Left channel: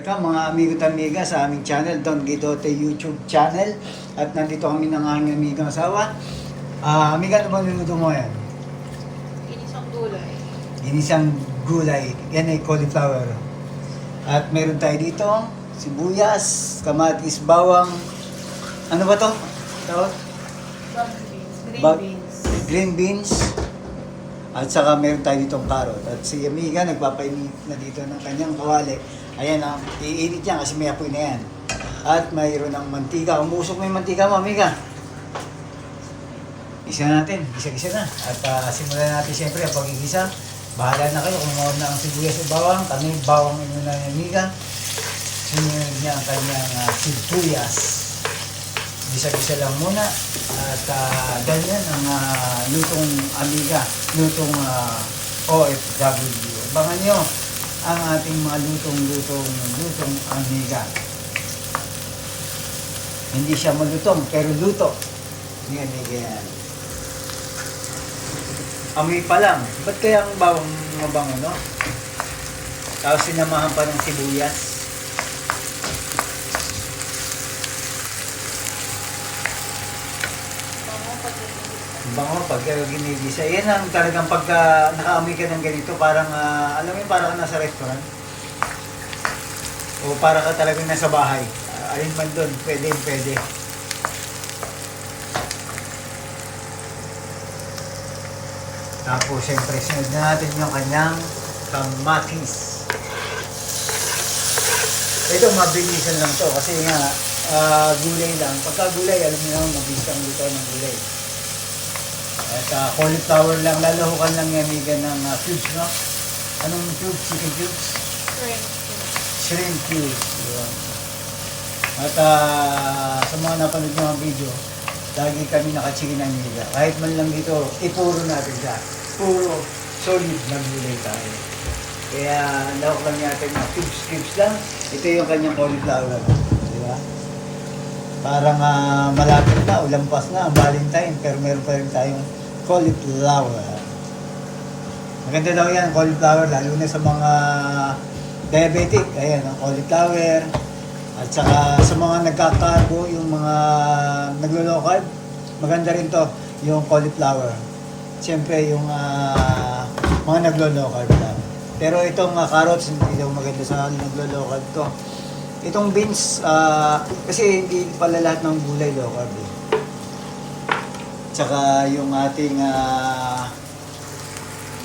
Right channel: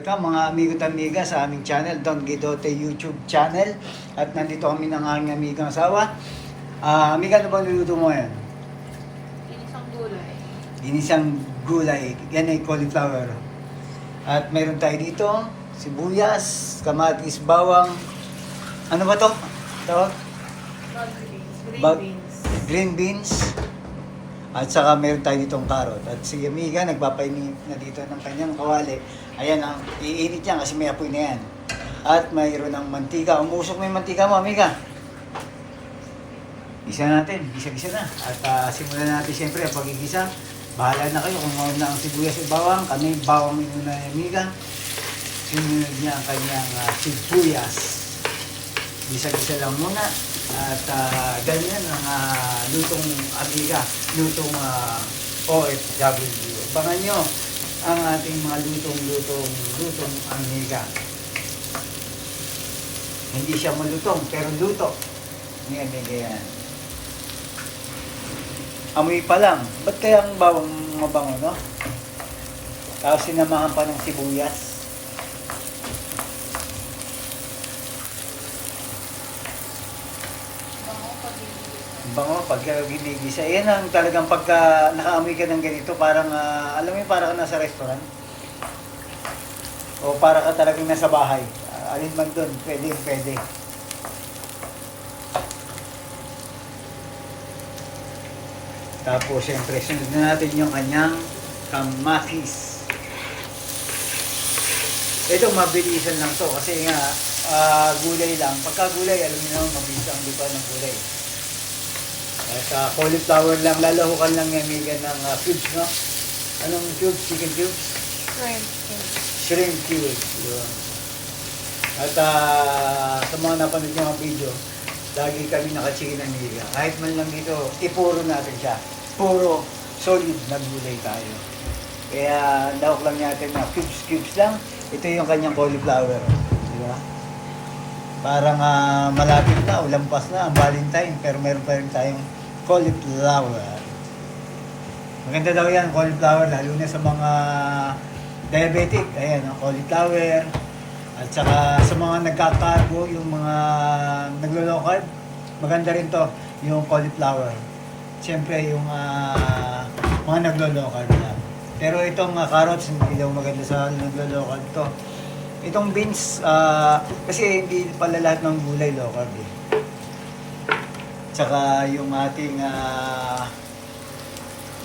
Welcome mga amigo at amiga sa aming channel, Don Guidote YouTube channel. At nandito kami ng aking amigang asawa. Amiga, ano bang niluto mo yan? Ginisang gulay. Ginisang gulay, yan ay cauliflower. At meron tayo dito, sibuyas, kamatis, bawang. Ano ba to? Tawag? Green beans. Green beans. At saka meron tayo ditong carrot. At si amiga nagpapainit na dito ng kanyang kawali. Ayan ang iinit yan kasi may apoy na yan. At mayroon ng mantika. Umusok mo yung mantika mo, amiga. Isa natin, gisa-gisa na. At simulan natin siyempre ang pagigisa. Bahala na kayo kung mawag na ang sibuyas at bawang. Kami bawang muna ni amiga. Sinunod niya ang kanyang sibuyas. Gisa-gisa lang muna. At ganyan ang lutong amiga, lutong OFW. Abangan nyo ang ating mga lutong amiga. Hindi siya malutong, pero luto. Ni amiga yan. Amoy pa lang. Ba't kaya ang bawang mabango, no? Tapos sinamahan pa ng sibuyas. Bango pag ginigisa. Yan ang talagang pagka nakaamoy ka ng ganito, parang alam mo yun, parang ka nasa restaurant. O para ka talagang nasa bahay. Alin man doon, pwede. Tapos siyempre sunod na natin yung kanyang kamatis. Ito mabilisan lang to kasi nga gulay lang. Pagka gulay, alam niyo naman mabilis ang luto ng gulay. At cauliflower lang, lalahukan lang yung amiga ng cubes, no? Anong cubes? Chicken cubes? Shrimp cubes. Yun. At sa mga napanood nyo ang video, lagi kami nakachikin amiga. Kahit man lang dito, ipuro natin siya. Puro solid maggulay tayo. Kaya lahok lang natin na cubes lang. Ito yung kanyang cauliflower. Di ba? Parang malapit na, ulampas na ang Valentine, pero meron pa rin tayong cauliflower. Maganda daw yan, cauliflower, lalo na sa mga diabetic. Ayan, ang cauliflower. At saka sa mga nagkakarbo, yung mga naglo-low carb, maganda rin to, yung cauliflower. Siyempre, yung mga naglo-low carb lang. Pero itong carrots, hindi daw maganda sa naglo-low carb to. Itong beans, kasi hindi pala lahat ng gulay low carb. Tsaka yung ating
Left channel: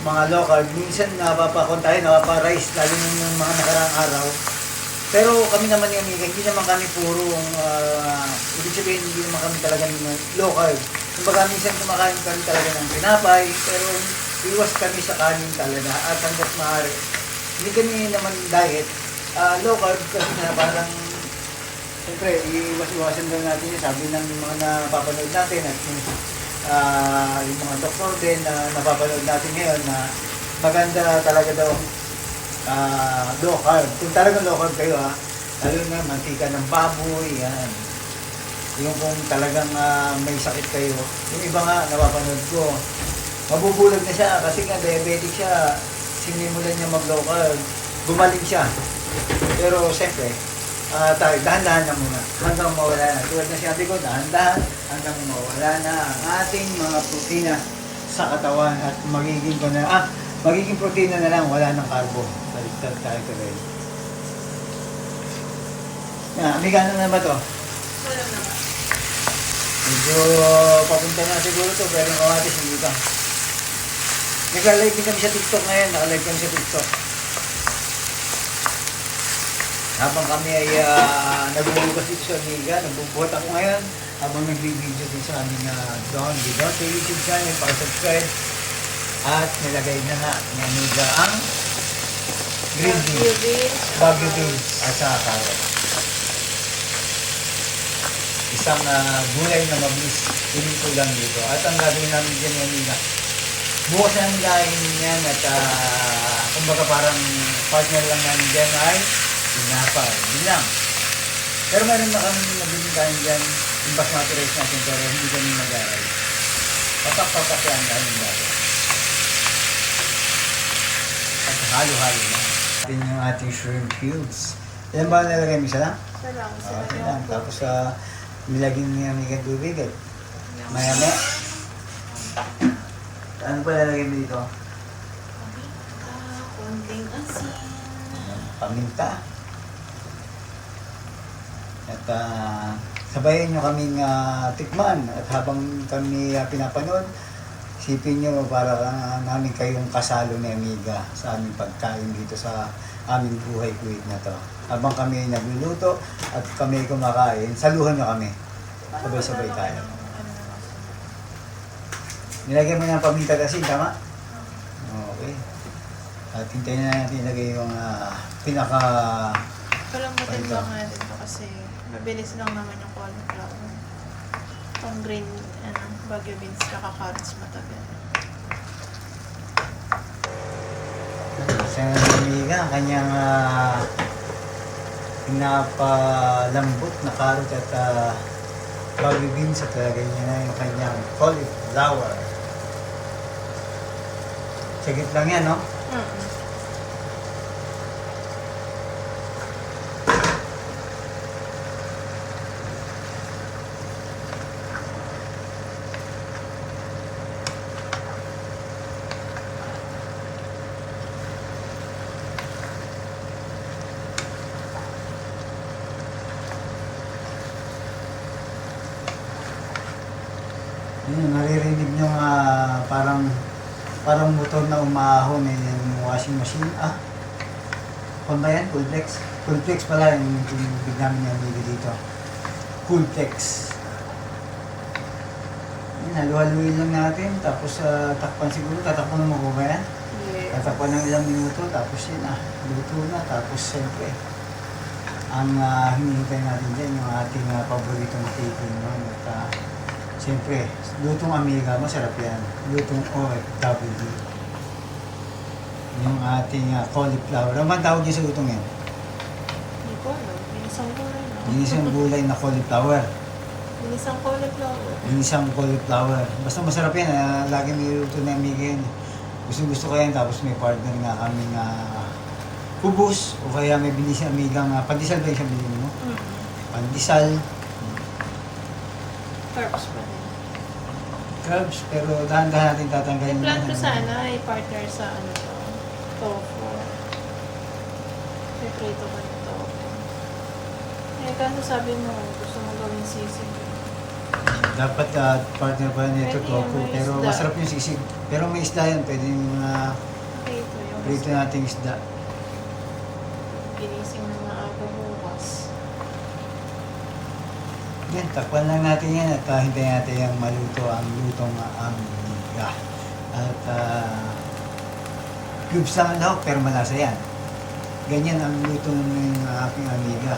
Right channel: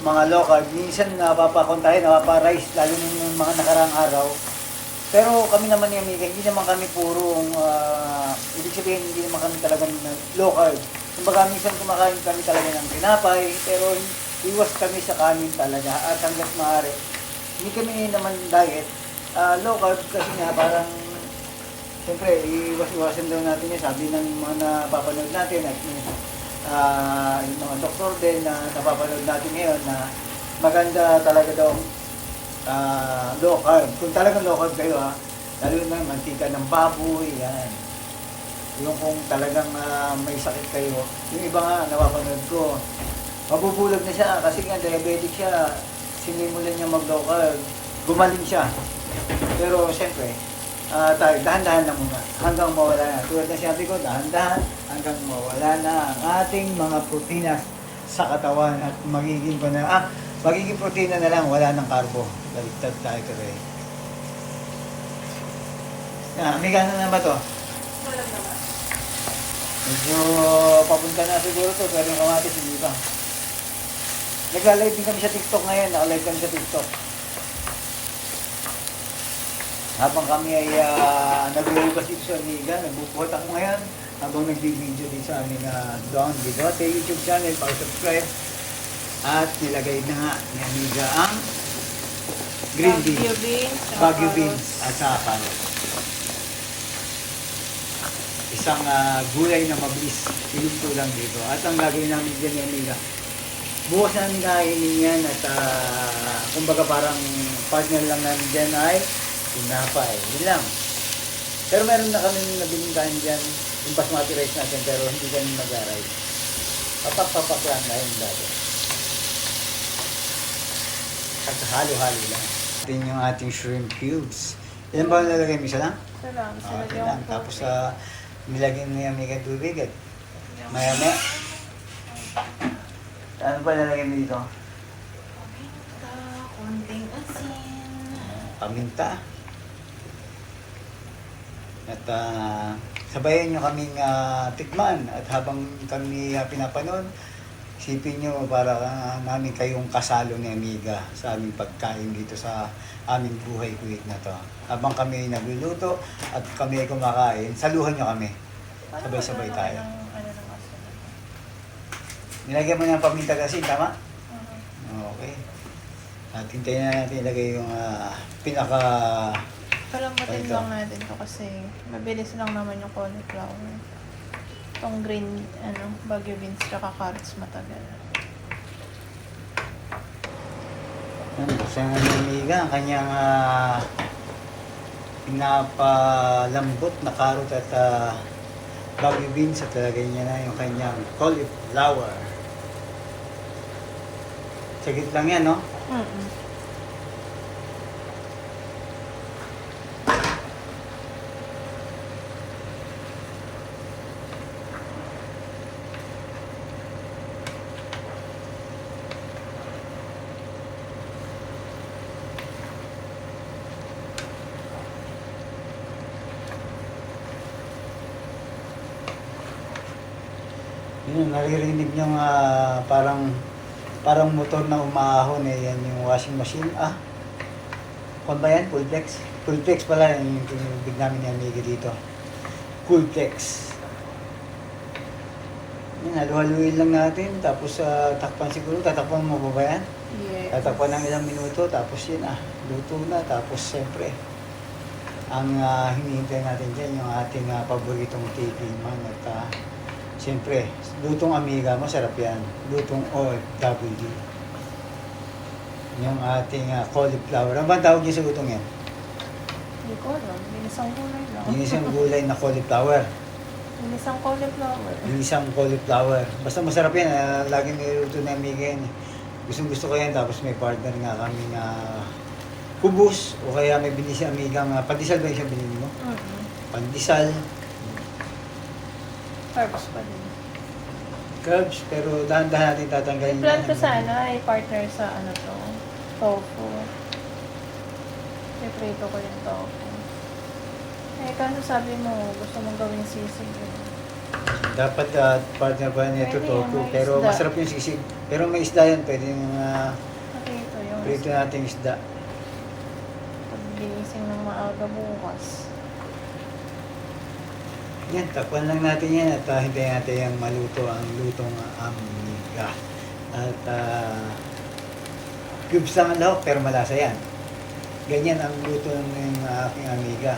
mga low carb, minsan napapakontahin, napapa-rice, lalo ng mga nakaraang araw. Pero kami naman ni amiga, hindi naman kami purong, ibig sabihin, hindi naman kami talagang low carb. Kumbaga minsan kumakain kami talaga ng tinapay, pero iwas kami sa kanin talaga at hanggat maaari. Hindi kami naman diet. Low carb kasi nga parang siyempre iwas-iwasan daw natin yan, sabi ng mga napapanood natin at yung mga doktor din na napapanood natin ngayon na maganda talaga daw low carb. Kung talagang low carb kayo lalo na mantika ng baboy, yan. Yung kung talagang may sakit kayo, yung iba nga napapanood ko, mabubulag na siya kasi nga diabetic siya, sinimulan niya mag low carb, gumaling siya. Pero siyempre, tayo, dahan-dahan lang muna hanggang mawala na. Tulad ng sinabi ko, dahan-dahan hanggang mawala na ang ating mga protina sa katawan at magiging protina na lang, wala ng carbo. Baliktad tayo today. Amiga, ano na ba to? Wala na. Medyo papunta na siguro to, pero yung kamatis hindi pa. Nagla-live din kami sa TikTok ngayon, naka-live kami sa TikTok. Habang kami ay nagbubukas dito sa amiga, nagbubuhat ako ngayon habang nagbibideo dito sa aming Don Guidote YouTube channel, subscribe at nilagay na nga ni amiga ang green beans, Baguio beans at saka carrot. Isang gulay na mabilis, iluto lang dito. At ang gagawin namin dyan ni amiga, bukas namin kainin yan at kumbaga parang partner lang namin dyan ay tinapay. Yun lang. Pero meron na kami nabiling kain dyan, yung basmati rice natin, pero hindi kami mag-aray. Papak lang dahil dati. At halo-halo lang. Atin yung ating shrimp cubes. Ilan ba nalagay mo? Isa lang? Isa lang. Isa lang. Tapos nilagyan mo yung mga tubig at maya-maya. Ano pa nalagay mo dito? Kunting asin. Paminta. At sabayan nyo kaming tikman. At habang kami pinapanood, isipin nyo para namin kayong kasalo ni Amiga sa aming pagkain dito sa aming buhay kuwit na to. Habang kami nagluluto at kami ay kumakain, saluhan nyo kami. Sabay-sabay tayo. Nilagyan mo ng paminta kasi, tama? Okay. At hintayin na natin ilagay yung pinaka... Parang matimbang natin to kasi mabilis lang naman yung cauliflower. Itong green, Baguio beans tsaka carrots matagal. Sa Amiga, ang kanyang pinapalambot na karot at Baguio beans at lagay niya na yung kanyang cauliflower. Sagit lang yan, no? Yun, naririnig nyo parang motor na umahon eh, yan yung washing machine. Kung ba yan? Coolplex? Coolplex pala yung tinubig namin ni Amiga dito. Coolplex. Yun, halu-haluin lang natin, tapos takpan siguro, tatakpan mo ba yan? Yeah. Tatakpan ng ilang minuto, tapos yun luto na, tapos siyempre, ang hinihintay natin dyan, yung ating paboritong taking man at siyempre, lutong Amiga, masarap yan. Lutong OFW. Yung ating cauliflower. Ano ba ang tawag niya sa lutong yan? Hindi ko alam. Ginisang gulay lang. Ginisang gulay na cauliflower. Ginisang cauliflower. Ginisang cauliflower. Basta masarap yan. Lagi may luto na Amiga yan. Gusto ko yan. Tapos may partner nga kaming kubos. O kaya may binili si Amiga pandesal ba yung siya binili mo? Pandesal. Carbs pa rin. Carbs. Pero dahan-dahan natin tatanggalin Plan ko yan. sana ay partner sa tofu. Iprito ko yung tofu. Eh, kano sabi mo, gusto mong gawin sisig. Dapat partner pa nito Pwede tofu. naman Pero isda. masarap yung sisig. Pero may isda yan. Pwedeng Prito yung prito nating isda. ginising ng mga aga bukas. Yan, takpan lang natin yan at hintayin natin yung maluto ang lutong Amiga. At cubes lang ang lahok pero malasa yan. Ganyan ang luto ng aking Amiga.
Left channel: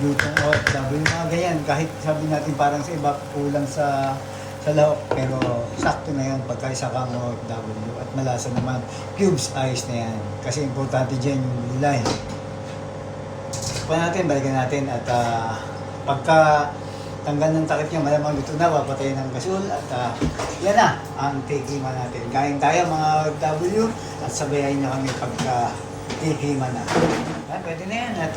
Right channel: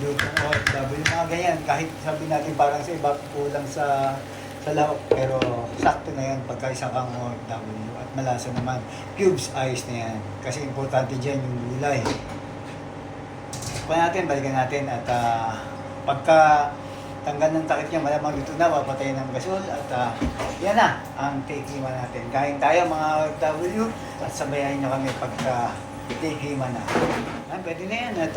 Lutong OFW, mga ganyan. Kahit sabi natin parang sa iba kulang sa lahok pero sakto na yan pagka isa kang OFW at malasa naman. Cubes, ayos na yan. Kasi importante dyan yung gulay. Takpan natin, balikan natin at pagka tanggal ng takip niya, malamang dito na, papatayin ng gasol at yan na ang take-hima natin. Kain tayo mga W at sabayan niyo kami pagka take-hima na. Pwede na yan at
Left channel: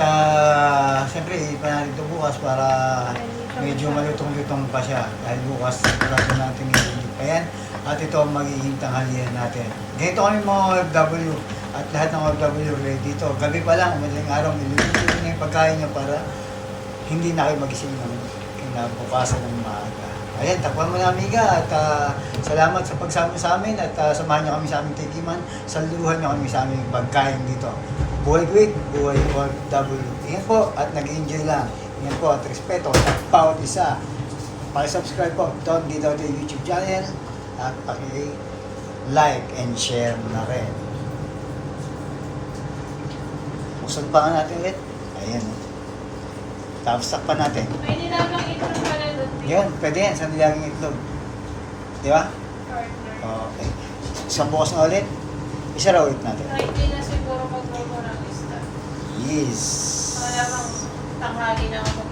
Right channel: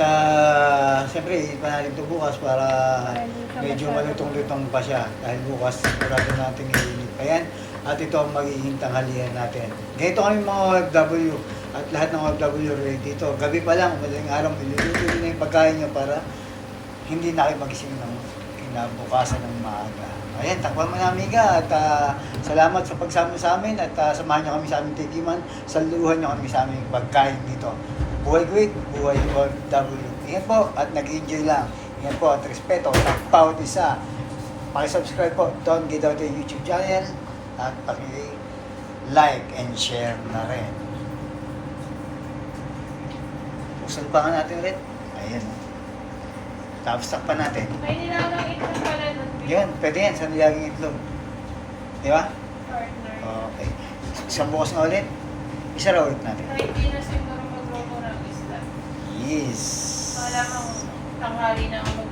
siyempre ipa natin ito bukas para medyo malutong-lutong pa siya dahil bukas sigurado natin iinit pa yan at ito ang magiging tanghalian natin. Ganito kami mga OFW at lahat ng OFW ready dito. Gabi pa lang, madaling araw, iluluto na yung pagkain niyo para hindi na kayo magising ng kinabukasan ng maaga. Ayan, takpan mo na Amiga at salamat sa pagsama sa amin at samahan niyo kami sa aming tikiman. Saluhan niyo kami sa aming pagkain dito. Buhay great, buhay OFW. Ingat po at nag-enjoy lang. Ingat po at respeto sa bawat isa. Paki-subscribe po, Don Guidote YouTube channel at paki-like and share na rin. Buksan pa nga natin ulit. Ayan. Tapos takpan natin. Pwede na lang ito ng paladot. Yun, pwede yan sa nilaging itlog. Di ba? Partner. Okay. Isang bukas na ulit. Isa raw ulit natin. Hindi na siguro magluto ng isda. Yes. Malamang tanghali na ako